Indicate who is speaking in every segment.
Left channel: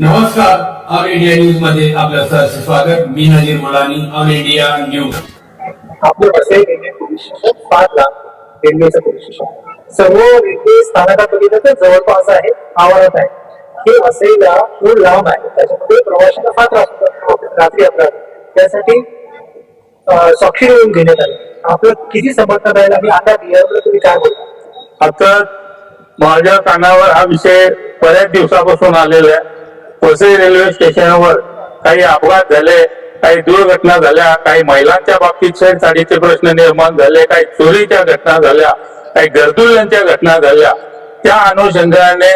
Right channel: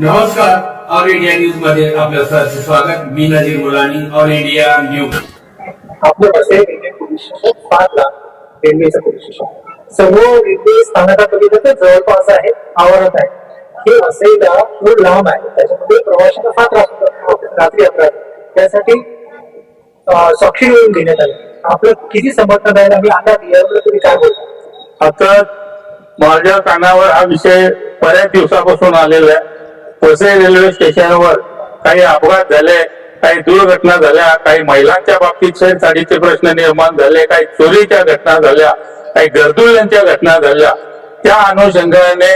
Speaker 1: नमस्कार all India न्यूजमध्ये आपलं सहर्ष स्वागत. मी Nazir Mulani all India news
Speaker 2: आपलं वसई रेल्वे पोलीस स्टेशन पाच ला रेल्वेचं पोलीस स्टेशन. सर्व रेल्वे तर जवळपास आहे आवारात आहे. हे वसईला थोडं लांब आहे. त्याच्यामध्ये प्रवाशांना फार त्रास होतो. रात्री त्यासाठी साक्षी निवडून घेण्यात आली. आपलं किती समर्थन राहील? आणि आता बिहारला तुम्ही काय बोलता?
Speaker 3: आता माझ्या कानावर हा विषय बऱ्याच दिवसापासून आलेला आहे. वसई रेल्वे स्टेशनवर काही अपघात झाले काही दुर्घटना झाल्या काही महिलांच्या बाबतीत छेडछाडीचे प्रश्न निर्माण झाले काही चोरीच्या घटना झाल्या काही गर्दुल्यांच्या घटना झाल्या. त्या अनुषंगाने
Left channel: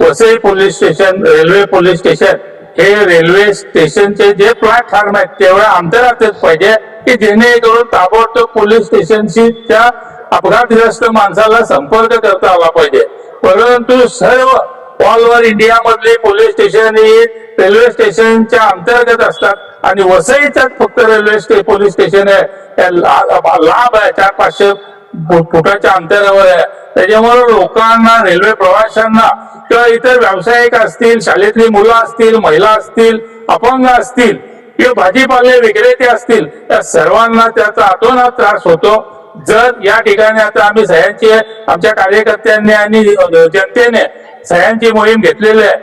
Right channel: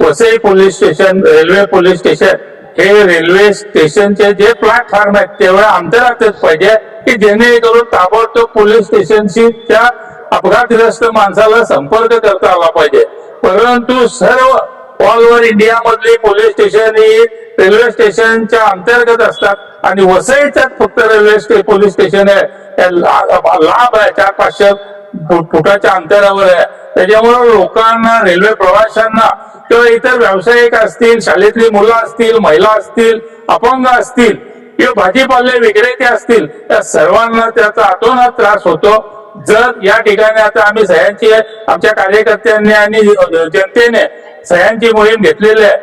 Speaker 3: Vasai police station railway police station हे रेल्वे स्टेशनचे जे प्लॅटफॉर्म आहेत तेवढ्या अंतरातच पाहिजे की जेणेकरून ताबडतोब पोलीस स्टेशनशी त्या अपघातग्रस्त माणसाला संपर्क करता आला पाहिजे. परंतु सर्व ऑल ओव्हर इंडिया मधली पोलीस स्टेशन ही रेल्वे स्टेशनच्या अंतर्गत असतात आणि वसईच्याच फक्त रेल्वे स्टे पोलीस स्टेशन आहे. ला- लांब आहे चार पाचशे फुटाच्या अंतरावर आहे. त्याच्यामुळे लोकांना रेल्वे प्रवाशांना किंवा इतर व्यावसायिक असतील शाळेतली मुलं असतील महिला असतील अपंग असतील किंवा भाजीपाले विक्रेते असतील त्या सर्वांना त्याचा अतोनात त्रास होतो. जर या ठिकाणी आता आम्ही सह्यांची आमच्या कार्यकर्त्यांनी आणि जनतेने सह्यांची मोहीम घेतलेली आहे.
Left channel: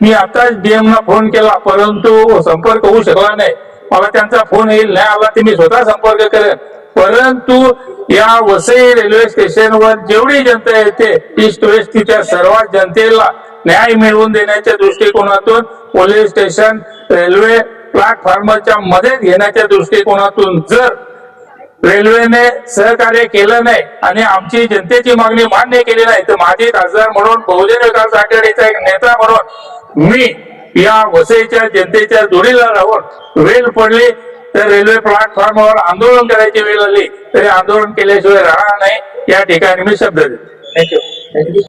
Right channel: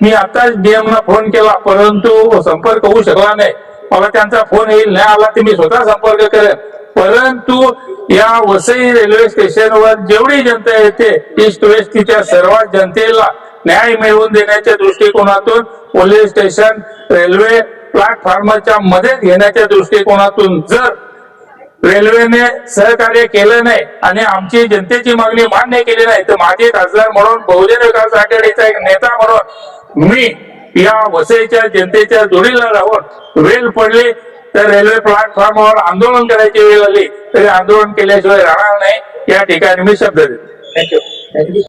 Speaker 3: मी आताच डीएम ना फोन केला परंतु संपर्क होऊ शकला नाही. मला त्यांचा फोन येईल नाही आला ते मी स्वतः संपर्क करेन. परंतु या वसई रेल्वे स्टेशनवर जेवढी जनता येते ईस्ट वेस्ट तिच्या सर्वात जनतेला न्याय मिळवून देण्याच्या दृष्टिकोनातून पोलीस स्टेशन रेल्वे प्लॅटफॉर्मच्या मध्ये घेण्याच्या दृष्टिकोनातून जर रेल्वेने सहकार्य केलं नाही आणि आमची जनतेची मागणी मान्य केली नाही तर माझे खासदार म्हणून बहुजन विकास आघाडीचा एक नेता म्हणून मी या वसईच्या जनतेच्या जोडीला राहून वेळ पडली. तर रेल्वे प्लॅटफॉर्मवर आंदोलन करायची वेळ आली तरी आंदोलन केल्याशिवाय राहणार नाही. या ठिकाणी मी शब्द देतो.
Speaker 2: Thank you thank you